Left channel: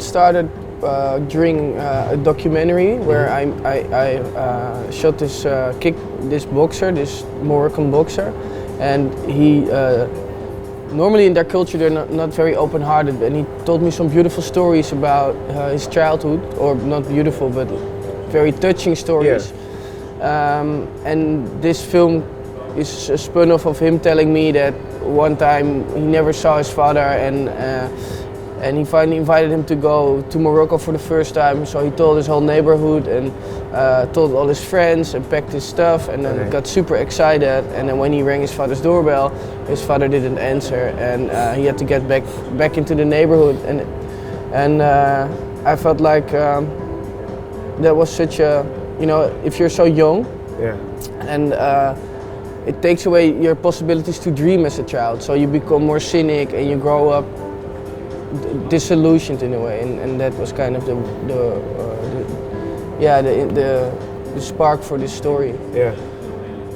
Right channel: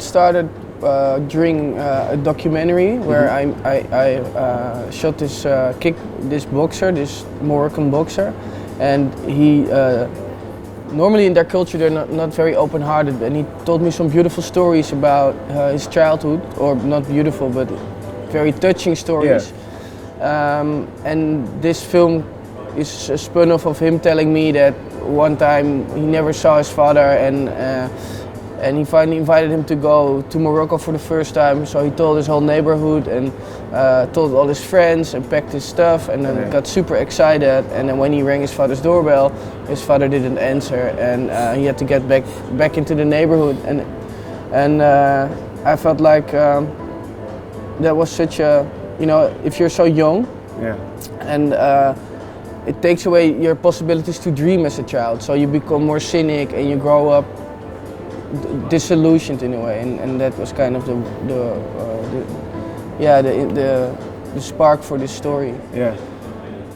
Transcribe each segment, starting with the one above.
started during a documentary where I shot this boxer, this Moroccan boxer, and he. Normally in their culture they're not very open-hearted, and he told me some beautiful stories about his childhood, or not beautiful but very touching stories. And this film is a spin-off of him telling me that one time he never saw his father, and he finally invited him to go to Morocco for the first time. So he told his whole neighborhood and told all his friends and packed his stuff, and then got super excited. And then when he rang his father's doorbell, his father didn't answer, and he had to get back into the neighborhood. And I felt like that was such a, if you're so young, and it takes away your possibilities to dream as a child. So you become more cynic and you grow up disillusioned in a way, and that was kind of the spark for this story. Yeah.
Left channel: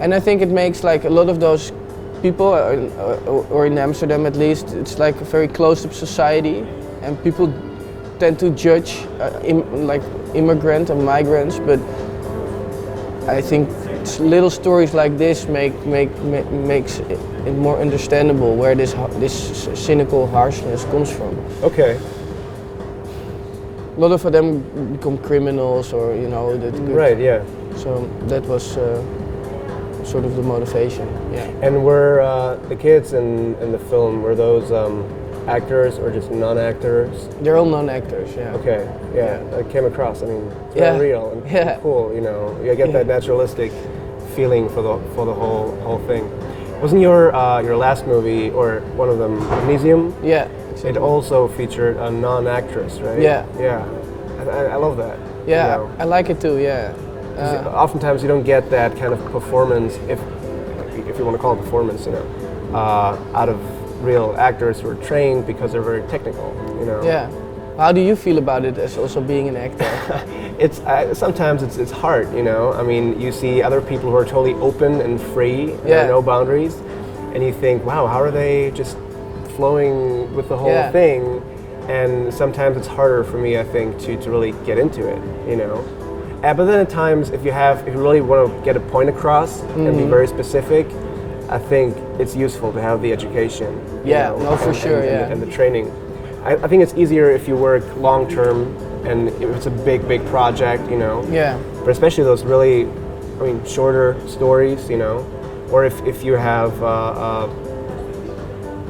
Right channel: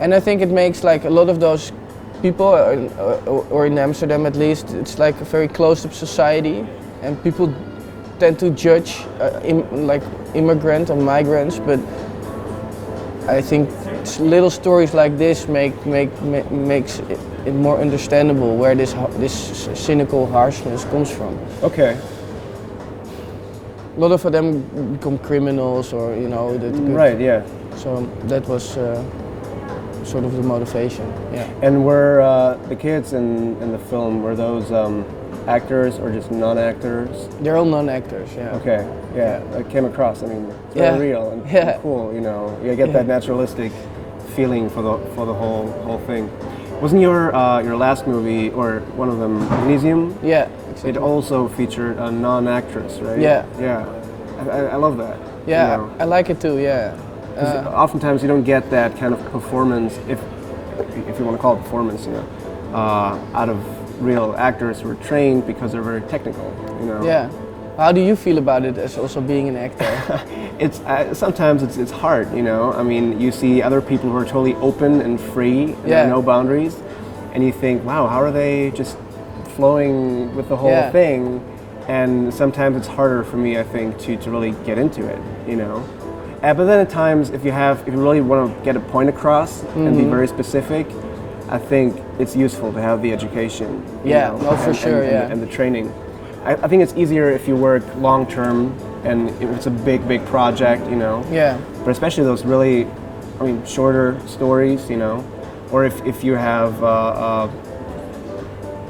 And I think it makes like a lot of those people, or in Amsterdam at least, it's like a very closed-up society, and people tend to judge like immigrant and migrants. But I think little stories like this makes it more understandable where this cynical harshness comes from. Okay. A lot of them become criminals, or that good. Right. Yeah. So that was sort of the motivation. Yeah. And were the kids in the film, were those actors or just non-actors? They're all non-actors. Yeah. Okay. Yeah. I came across. I mean, yeah. Real and cool. You get that naturalistic feeling for the whole thing. Wasn't your last movie, or one of them, Magnesium? Yeah, exactly. It also featured a non-actress, right? Yeah. Yeah. I love that. Yeah, I like it too. Yeah. Oftentimes you don't get that kind of performance, if you want to call it performance, out of real actors who are trained because they're very technical. Yeah. How do you feel about it as also being an actor? It's sometimes it's hard, I mean, you see other people who are totally open and free, no boundaries, and you think, wow, how are they just flowing with the whole thing? And sometimes it's harder for me, I think, to really get into it, But then at times, if you really want to get a point across and be very specific, I think it's useful to have the education. Yeah, no, for sure, and the training. I think it's easier if you work long term and if it's a big project, Yeah. But especially those really, shorter stories, or if you have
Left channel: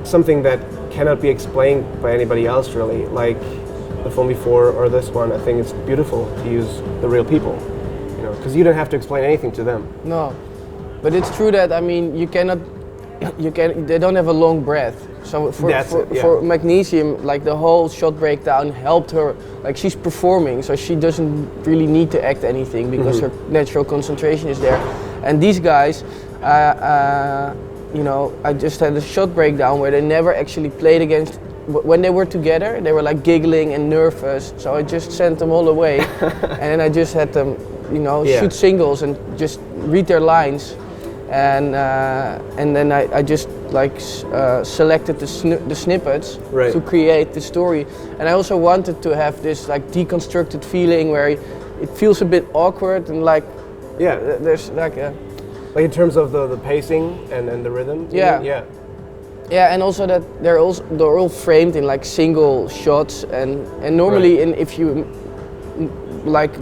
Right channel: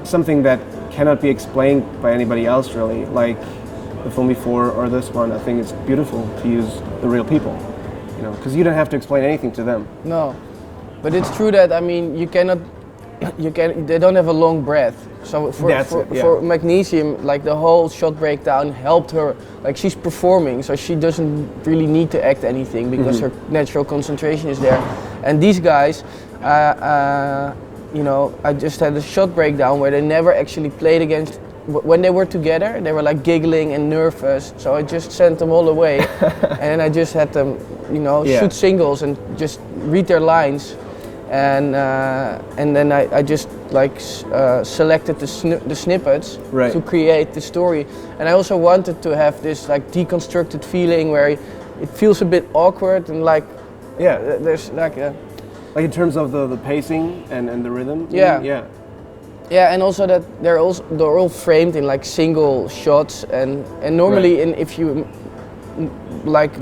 something that cannot be explained by anybody else, really, like the film before or this one. I think it's beautiful to use the real people, because you don't have to explain anything to them. No, but it's true that they don't have a long breath. So for Magnesium, like the whole shot breakdown helped her. Like she's performing, so she doesn't really need to act anything because her natural concentration is there. And these guys, I just had a shot breakdown where they never actually played against. When they were together, they were like giggling and nervous. So I just sent them all away, and I just had them, shoot singles and just read their lines. And then I just selected the snippets to create the story. And I also wanted to have this like deconstructed feeling where it feels a bit awkward and there's like a... Like in terms of the pacing and the rhythm? Yeah, and also that they're all framed in like single shots, and normally if you like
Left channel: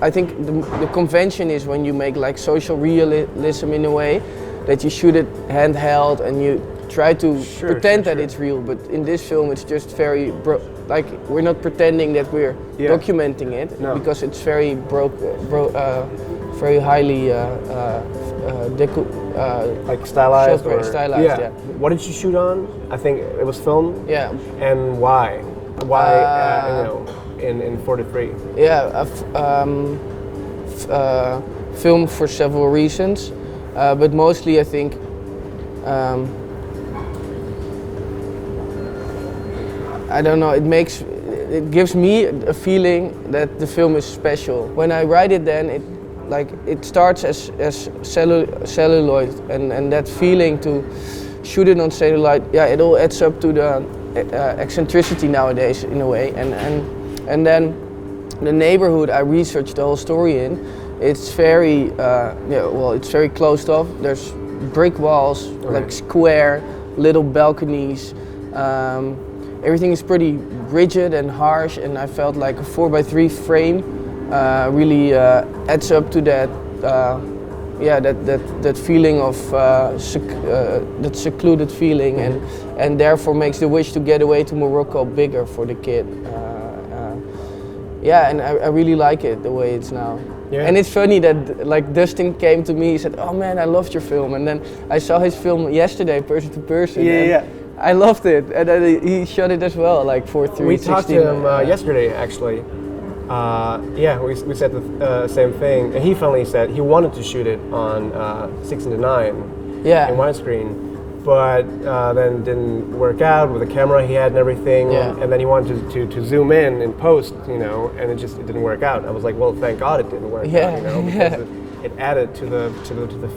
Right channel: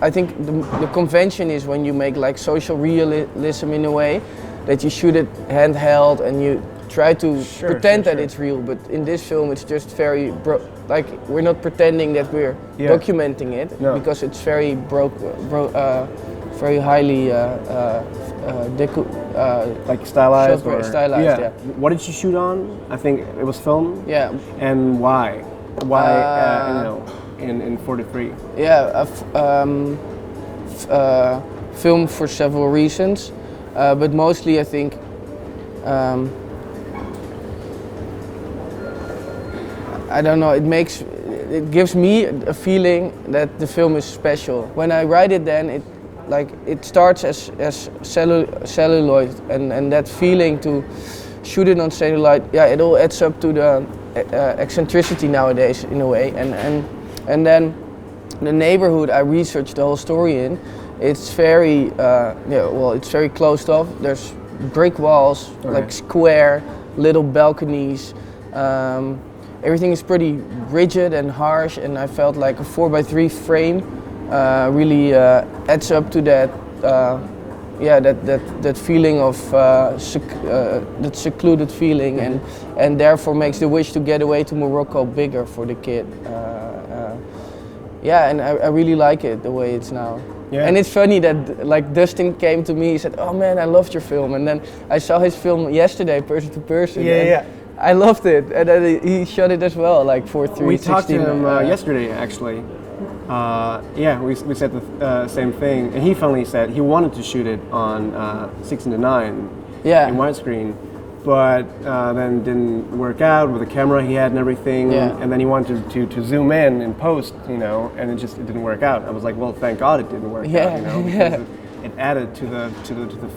I think the convention is when you make like social realism in a way that you shoot it handheld and you try to pretend that it's real, but in this film it's just very we're not pretending that we're documenting it because it's very very highly like stylized. Stylized, yeah. What did you shoot on? I think it was film. Yeah. And why? In 43? Yeah, film for several reasons, but mostly I think I don't know, it gives me a feeling that the film is special. When I write it, then it starts as celluloid, and that feeling to shoot it on celluloid, it all adds up to the eccentricity nowadays in a way, and And then the neighborhood I researched the whole story in, it's very it's very closed off. There's brick walls, like square, little balconies. Everything is pretty rigid and harsh, and I felt like a 4x3 frame really adds up to that. That feeling of that secluded feeling, and therefore makes the wish to get away to Morocco bigger for the kid. And I really like it the way it's now. Yeah. And it's funny that like Dustin came to me, he said, "Oh man, I loved your film," and then I saw his film yesterday, person to person, I loved it, and then he shot it as well, like 4:3:16. We talked to him yesterday, actually. We said the same thing, and he finally said he wanted to shoot it on 16:9 in widescreen, but then didn't work out with the camera he had and everything. And then he wanted to zoom in post, and it just didn't work out. I was like, well, thank God it didn't work out. It added to the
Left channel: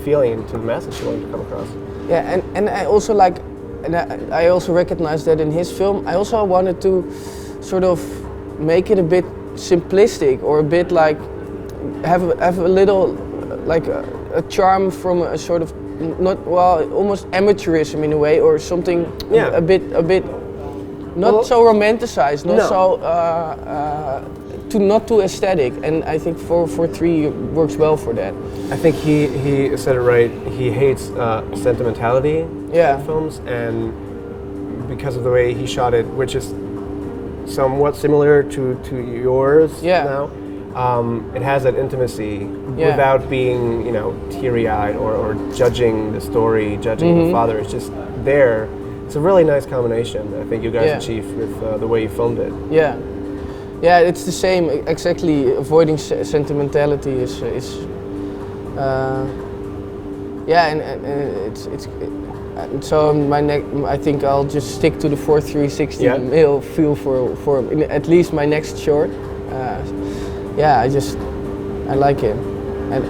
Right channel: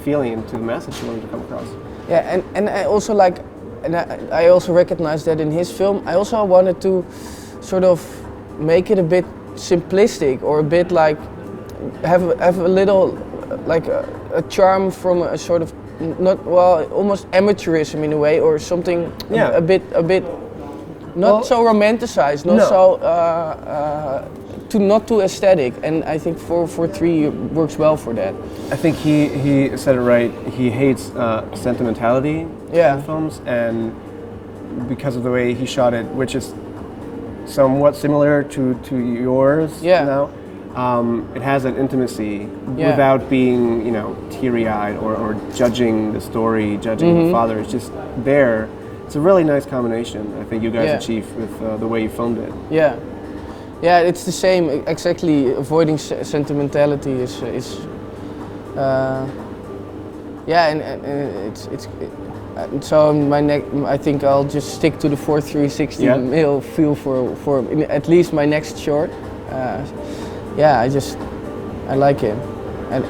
feeling, to the message you wanted to come across. Yeah, and I also like, and I also recognized that in his film. I also wanted to sort of make it a bit simplistic, or a bit like have a little like a charm from a sort of almost amateurism in a way, or something a bit not so romanticized, not too aesthetic, and I think 4:3 works well for that. I think he said it right. He hates sentimentality in films, and because of the way he shot it, which is somewhat similar to yours now, it has that intimacy without being teary-eyed or judging the story, judging the father. It's just there. It's a really nice combination I think you guys achieved with the way you filmed it. Yeah, it's the same exactly. Avoiding sentimentality is so I think I'll just stick to the 4:3:16 mil feel for at least my next short. I like it, and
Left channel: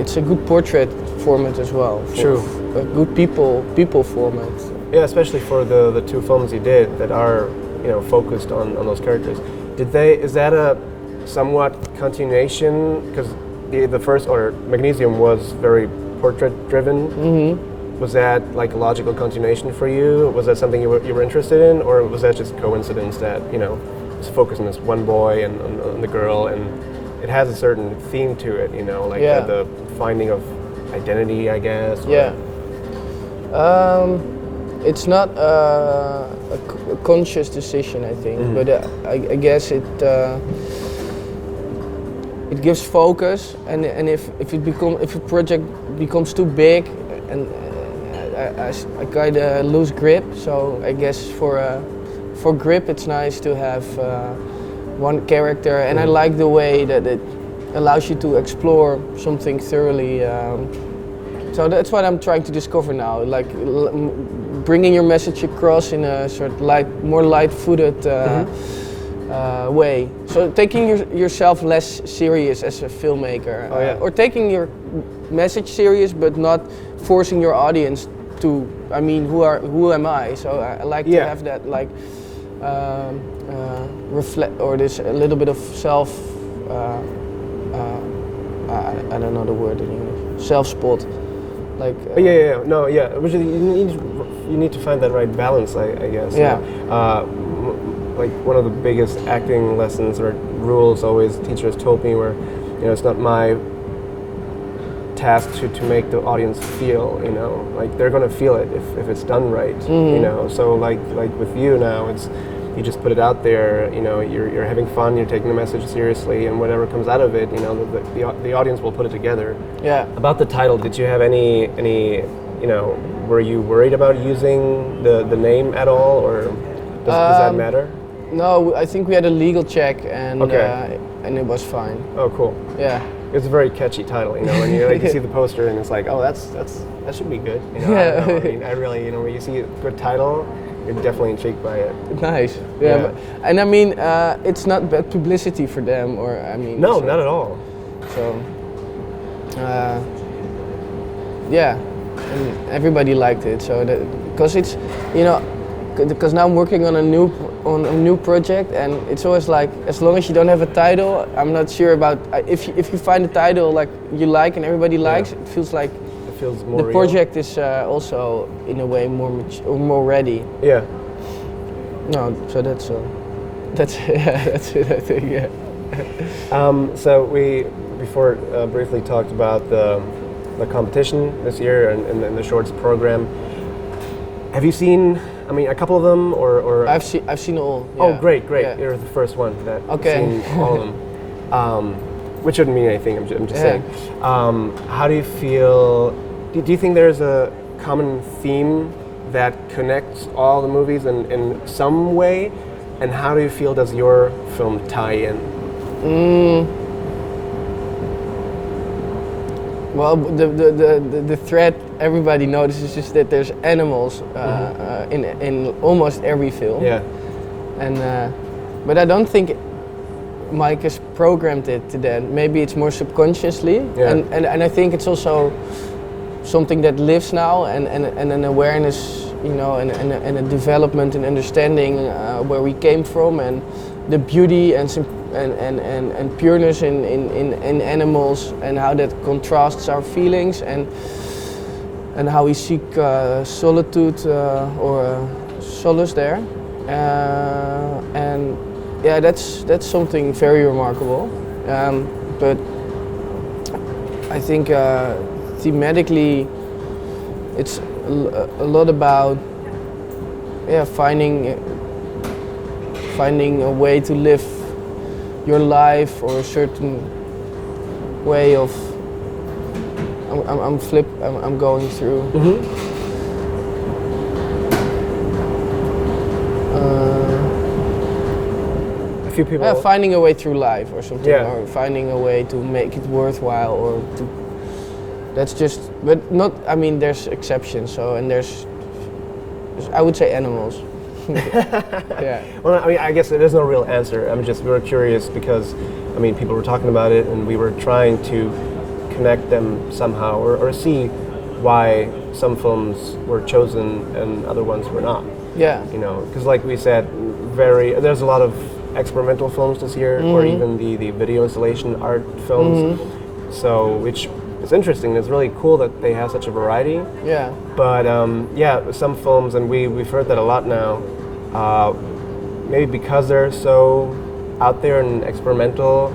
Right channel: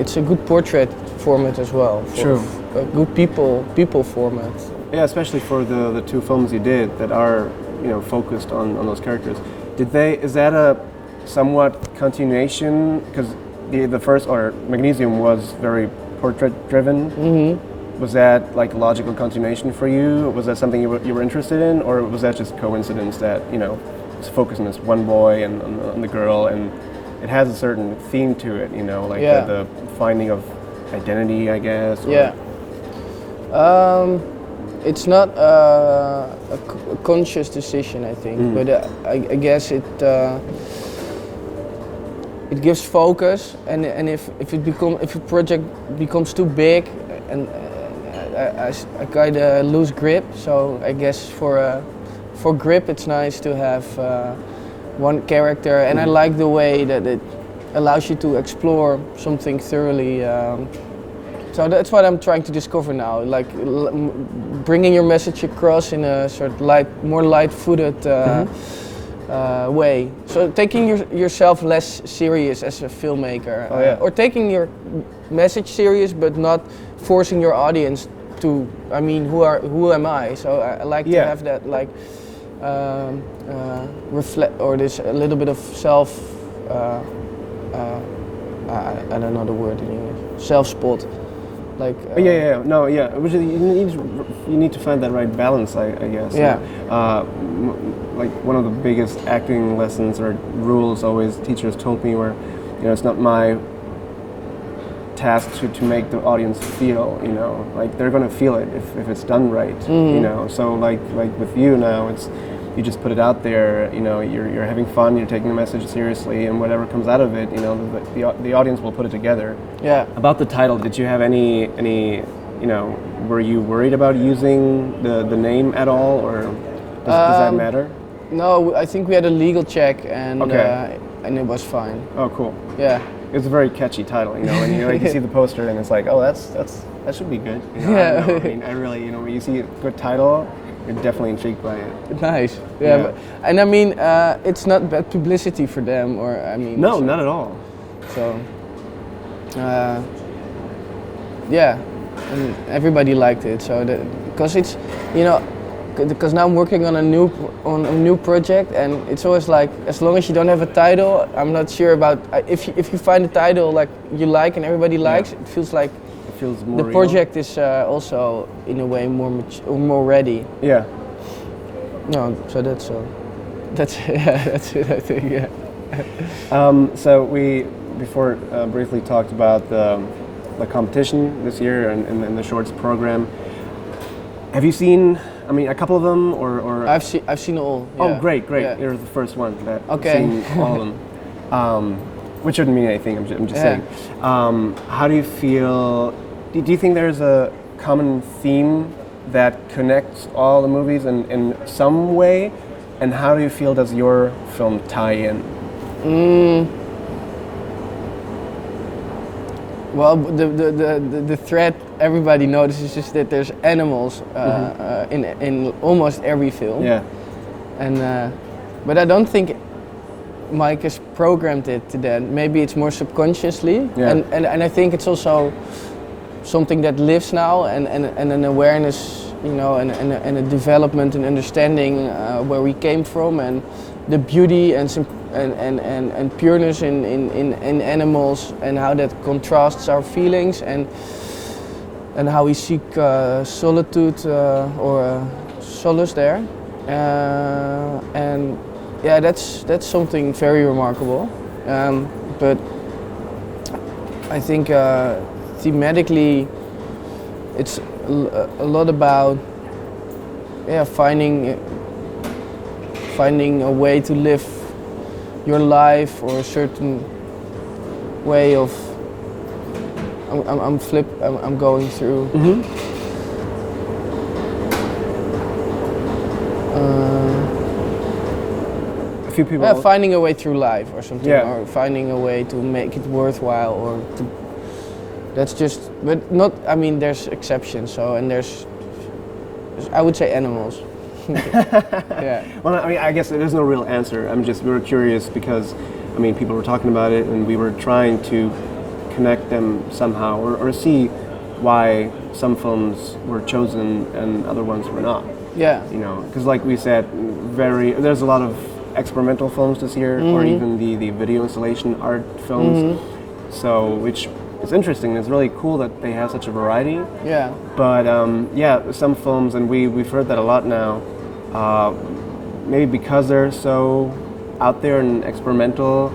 it's a good portrait format as well, for a good people format. Yeah, especially for the two films you did that are focused on those characters. Is that a somewhat continuation? Because the first, or Magnesium, was very portrait driven. Mm-hmm. Was that like a logical continuation for you? Was that something you were interested in, or was that just coincidence that it's focused on this one boy and on the girl, and it has a certain theme to it, the finding of identity, I guess? It's not a conscious decision, I think, but I guess it gives focus, and if a project becomes too big, and I kind of lose grip. So I guess for grip, it's nice to have one character, and I like the way that it allows you to explore something thoroughly. So that's what I'm trying to discover now, like bringing your message across in a sort of more light-footed way. So taking yourself less serious as a filmmaker, or taking your message serious, but not forcing your audience to. I mean, who am I? So I like to have that reflect, or this a little bit of self. I don't know the word in English. Self-spot. Like which you need to find that right balance, I guess. Like one of the biggest acting lessons or rules always teachers told me were, it's not my task to make the audience feel, like they're gonna feel it if it's done right. So like with you now, it's you just put it out there, you're having fun, you're taking the message seriously, and whatever comes out of it, the audience will put it together. About the title, did you have any were you worried about using the name at all, or does that matter? No, I think we had a legal check, and it was fine. Oh, cool. Yeah. It's a very catchy title, when you see the poster and it's like, oh, that should be good. I really, when you see a good title, you're definitely intrigued by it. Nice. Yeah. But, and I mean, it's not bad publicity for them, or I mean. No, not at all. So, and everybody liked it. So because it's, because now I'm working on a new project, and it's always like, as long as you don't have a title, I'm not sure about if you find a title like you like and everybody likes, it feels like the real. project is also in a way more ready. Yeah. No, so that's yeah, that's it, I think. Yeah. So we before briefly talked about the competition this year and the shorts program. Have you seen? I mean, a couple of them, or I've seen all. Yeah. Oh, great! Yeah. You're the first one that okay. Seen all of them, which shouldn't mean anything. I'm just saying. How do you feel? Do you think there's a common theme that connects all the movies in some way? And how do you feel does your film tie in? Well, the thread everybody notices is that there's animals in almost every film. Yeah. And but I don't think Mike has programmed it to that. Maybe it's more subconsciously. Yeah. And I think it's also something that lives now, and an awareness, you know, and a development and understanding where we came from, and the beauty and pureness in animals, and how that contrasts our feelings, and how we seek solitude or solace there, and yeah, that's something very remarkable. But I think thematically, it's a lot about finding a way to live your life, or a certain way of. I'm going through. A few people. Finding a way through life or something, Yeah. or finding a way to make it worthwhile, or to. That's just, but not. I mean, there's exceptions. So, and there's I would say animals. Yeah. Well, I mean, I guess there's no real answer. We were curious because, I mean, people were talking about it, and we were trying to connect them somehow, or see why some films were chosen and other ones were not. Yeah. You know, because like we said, there's a lot of experimental films this year, or even the video installation art films. So, which is interesting. It's really cool that they have such a variety. Yeah. But some films, and we've heard that a lot now. Maybe because they're so out there and experimental,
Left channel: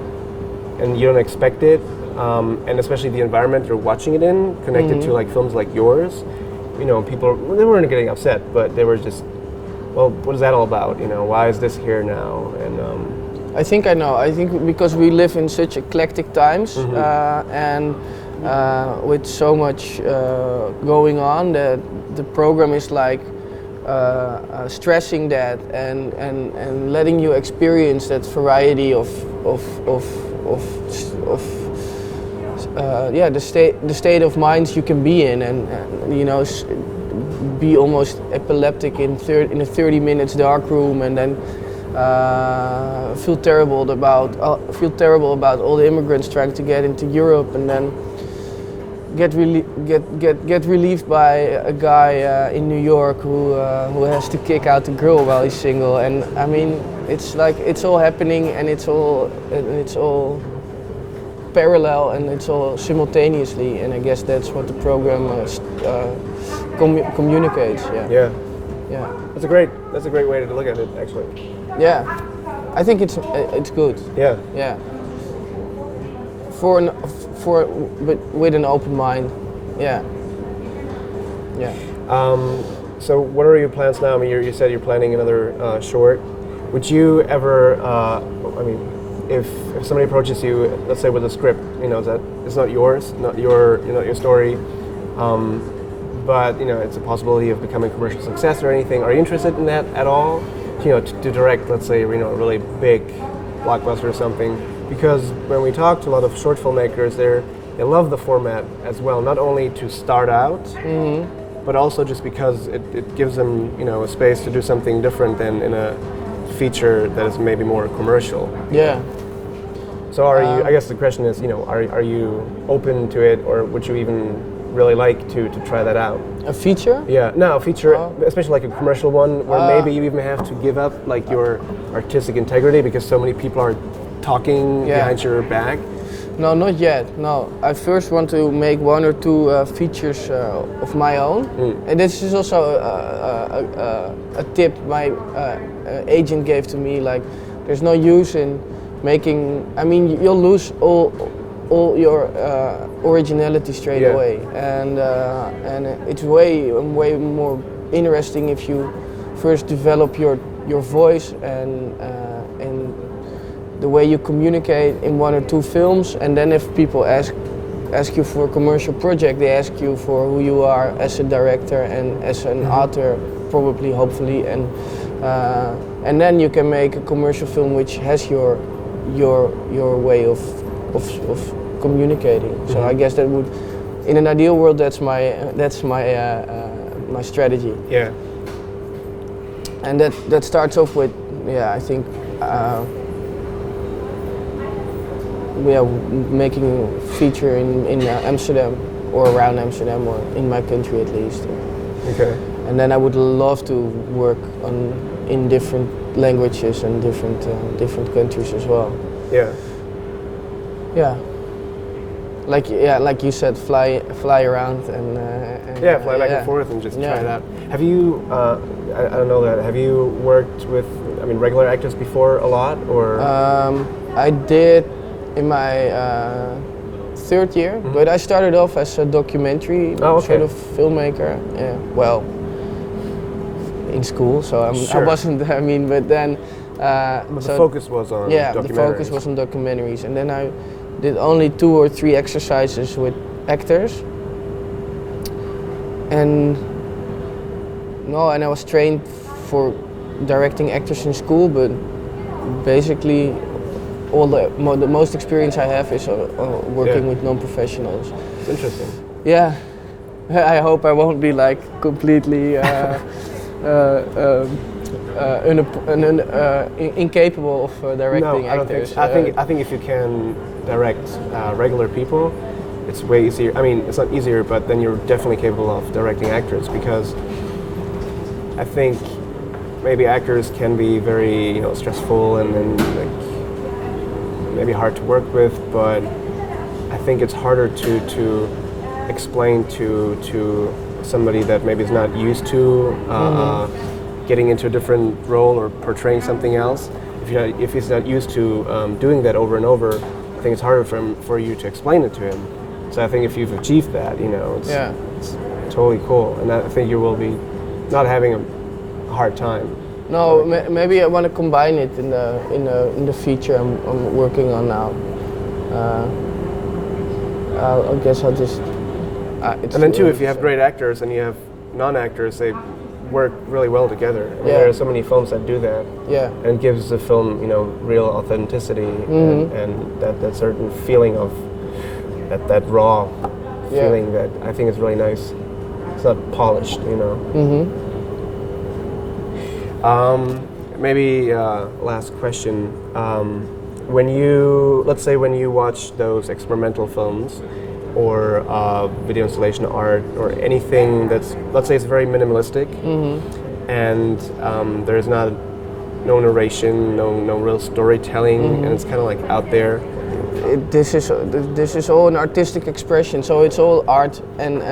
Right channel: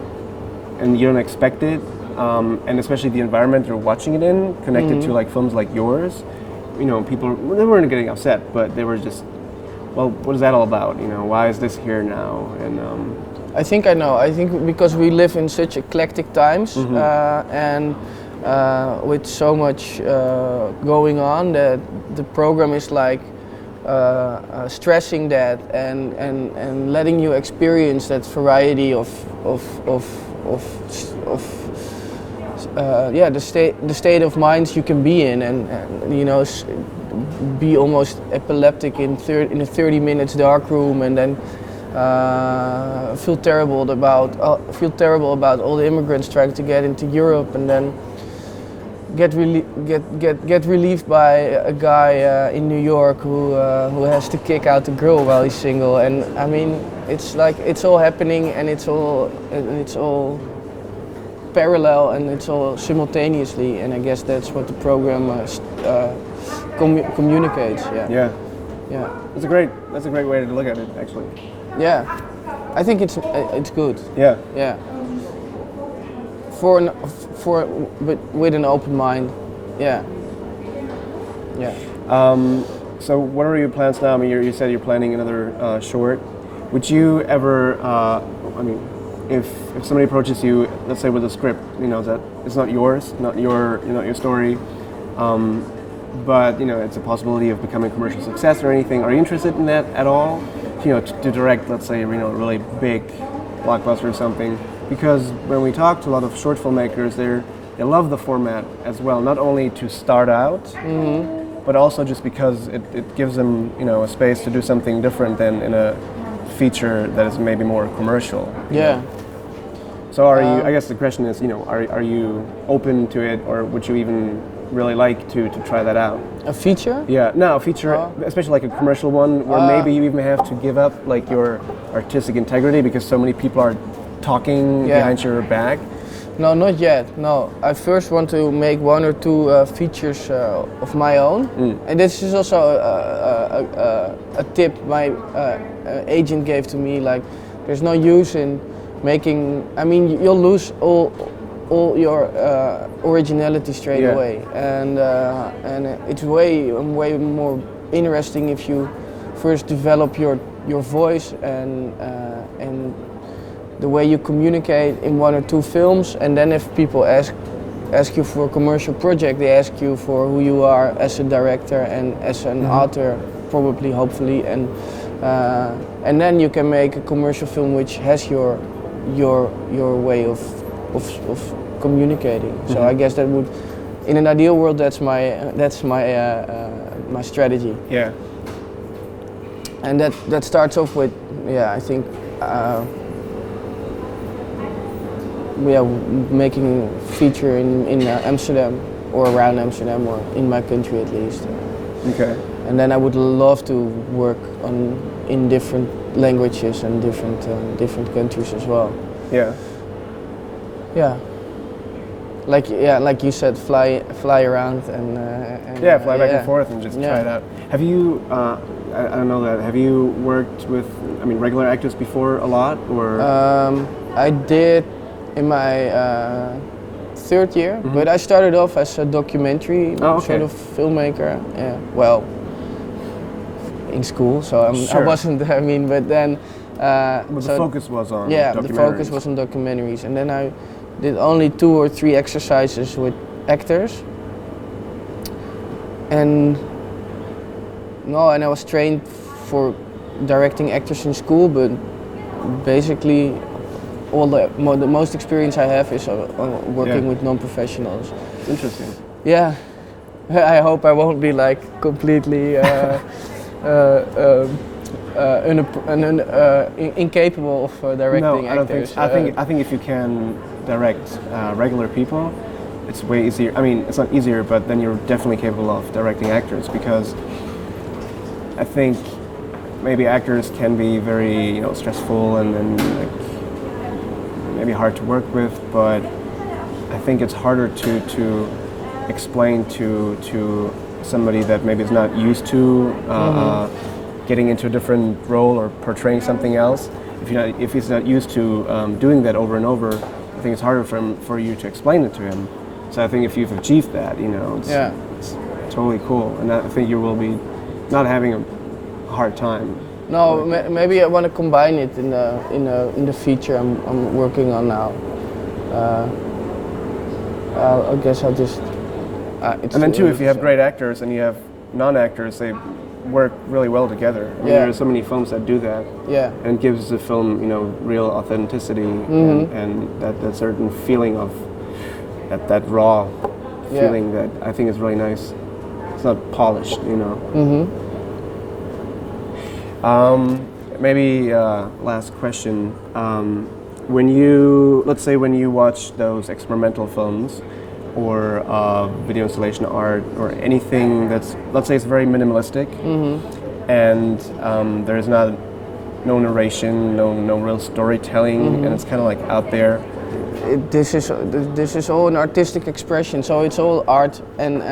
and you don't expect it, and especially the environment you're watching it in, connected to like films like yours. You know, people, they weren't getting upset, but they were just, well, what is that all about? You know, why is this here now? And I think I know. I think because we live in such eclectic times, and with so much going on, that the program is like stressing that and letting you experience that variety of the state of mind you can be in, and you know, be almost epileptic in a 30 minutes dark room, and then feel terrible about all the immigrants trying to get into Europe, and then get relieved by a guy in New York who has to kick out the girl while he's single. And I mean, it's like it's all happening, and it's all parallel, and it's all simultaneously. And I guess that's what the program communicates. Yeah. That's a great way to look at it, actually. Yeah, I think it's good. Yeah. With an open mind. Yeah. So what are your plans now? I mean, you said you're planning another short. Would you ever? I mean, if somebody approaches you, let's say with a script, you know, that it's not yours, not your story, but you know, it's a possibility of becoming a commercial success or anything. Are you interested in that at all? You know, to direct, let's say, you know, a really big blockbuster or something. Because when we talk to a lot of short filmmakers, they love the format as well, not only to start out, but also just because it gives them, you know, a space to do something different than in a feature that is maybe more commercial. Yeah. So are you? I guess the question is, you know, are you open to it, or would you even really like to try that out? A feature? Yeah, no, a feature, especially like a commercial one, where maybe you even have to give up like your artistic integrity because so many people are talking behind your back. No, not yet. No, I first want to make 1 or 2 features of my own, and this is also a tip my agent gave to me. Like, there's no use in making. I mean, you'll lose all your originality straight away, and it's way more interesting if you first develop your voice and the way you communicate in 1 or 2 films, and then if people ask you for a commercial project, they ask you for who you are as a director and as an author, probably, hopefully, and then you can make a commercial film which has your way of communicating. So I guess that would, in an ideal world, that's my strategy. Yeah. And that starts off with, I think. Making feature in Amsterdam or around Amsterdam or in my country at least. Okay. And then I would love to work in different languages and different countries as well. Yeah. Yeah. Like you said, fly around and fly back and forth and just try it out. Have you? I don't know that. Have you worked with regular actors before a lot or? I did. In my 3rd year, but I started off as a documentary sort of filmmaker. Yeah, well, in school, so I wasn't. I mean, but then. The focus was on. Yeah, the focus was on documentaries, and then I did only 2 or 3 exercises with actors, and I was trained for directing actors in school, but basically. The most experience I have is working with non-professionals. Interesting. Yeah, I hope I won't be like completely incapable of directing actors. I think if you can direct regular people, it's way easier. I mean, it's not easier, but then you're definitely capable of directing actors, because I think maybe actors can be very stressful and maybe hard to work with, but I think it's harder to explain to somebody that maybe is not used to getting into a different role or portraying something else. If he's not used to doing that over and over, I think it's harder for you to explain it to him. So I think if you've achieved that, it's totally cool, and I think you will be not having a hard time. No, maybe I want to combine it in the feature I'm working on now. I guess I'll just. And then too, if you have great actors and you have non-actors, they work really well together. I mean, there are so many films that do that. Yeah. And it gives the film, real authenticity and that certain feeling of that raw feeling that I think is really nice. It's not polished, Maybe last question. Let's say when you watch those experimental films or video installation art or anything that's, let's say it's very minimalistic and there's no narration, no real storytelling, and it's kind of like out there. This is all an artistic expression, so it's all art and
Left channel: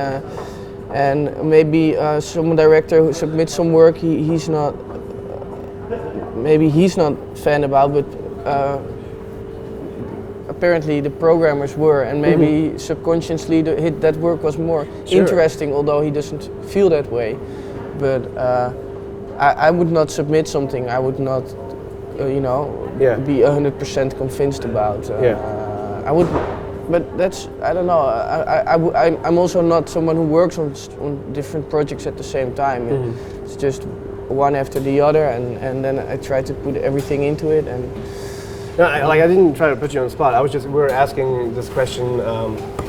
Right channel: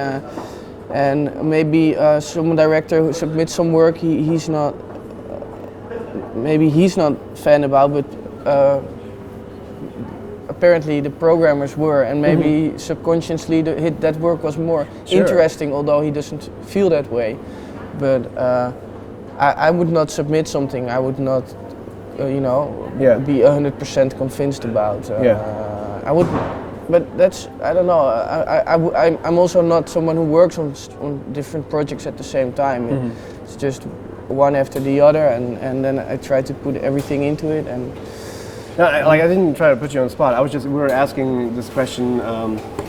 maybe some director who submits some work he's not fan about, but apparently the programmers were, and maybe subconsciously that work was more interesting, although he doesn't feel that way. But I would not submit something I would not, be 100% convinced about. I would, but that's, I don't know. I'm also not someone who works on different projects at the same time. It's just one after the other, and then I try to put everything into it. And no, I didn't try to put you on the spot. We were asking this question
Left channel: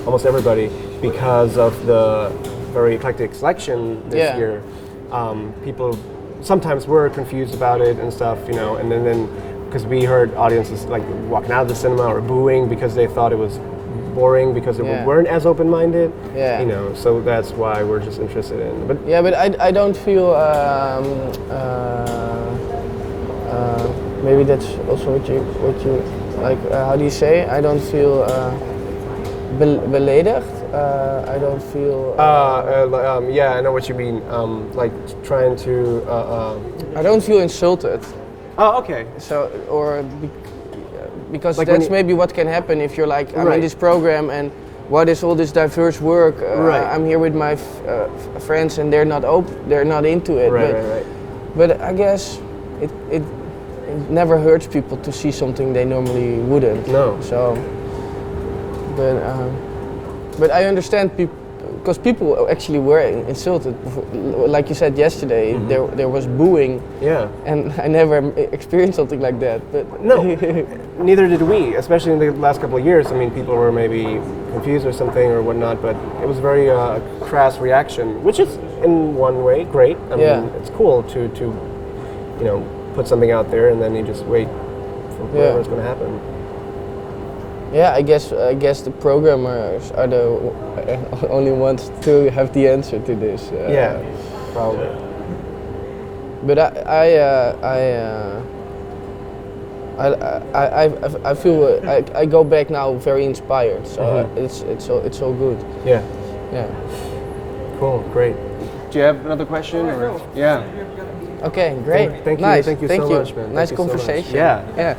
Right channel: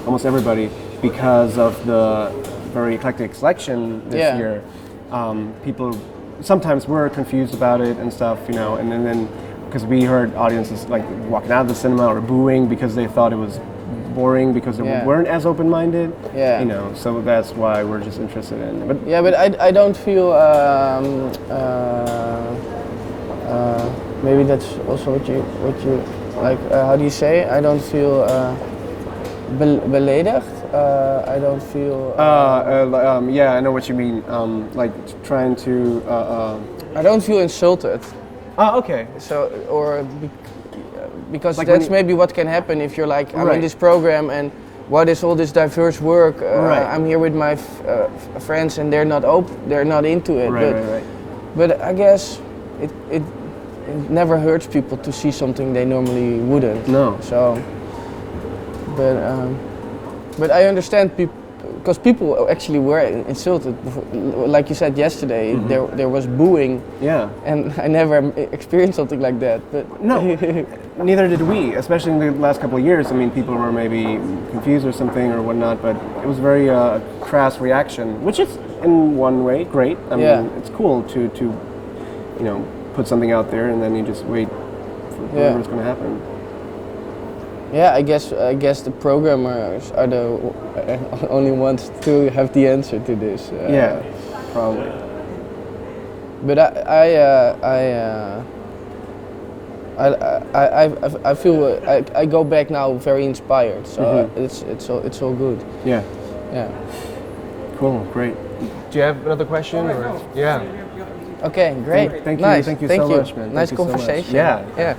almost everybody because of the very eclectic selection this year. People sometimes were confused about it and stuff, and then because we heard audiences like walking out of the cinema or booing because they thought it was boring because they weren't as open-minded. Yeah. You know, so that's why we're just interested in it. But yeah, but I don't feel maybe that's also what you like. How do you say? I don't feel beledigd. I don't feel. Yeah, I know what you mean. Like trying to. I don't feel insulted. Oh, okay. So because like that's maybe what can happen if you're like I'm in this program and what is all this diverse work? I'm here with my friends and they're not into it. But I guess it never hurts people to see something they normally wouldn't. No. So, but I understand people because people actually were insulted. Like you said yesterday, there was booing. Yeah. And I never experienced something like that. But no, neither did we. Especially in the last couple of years. I mean, people were maybe confused or something or whatnot. But it was a very crass reaction, which is in one way great. I mean, it's cool to put something out there and then you just wait for what's going to happen. Yeah, I guess the programmers are the only ones to have the answer to this. Yeah, probably. But I feel I go back now very inspired. So it's all good. Yeah. Yeah. Cool. Great. Do you have another question? All right. No. Yeah. Okay. Great. Thank you. Nice. Thank you Thank so you. much, man. Nice Thank you so much. conversation. Yeah. Yeah.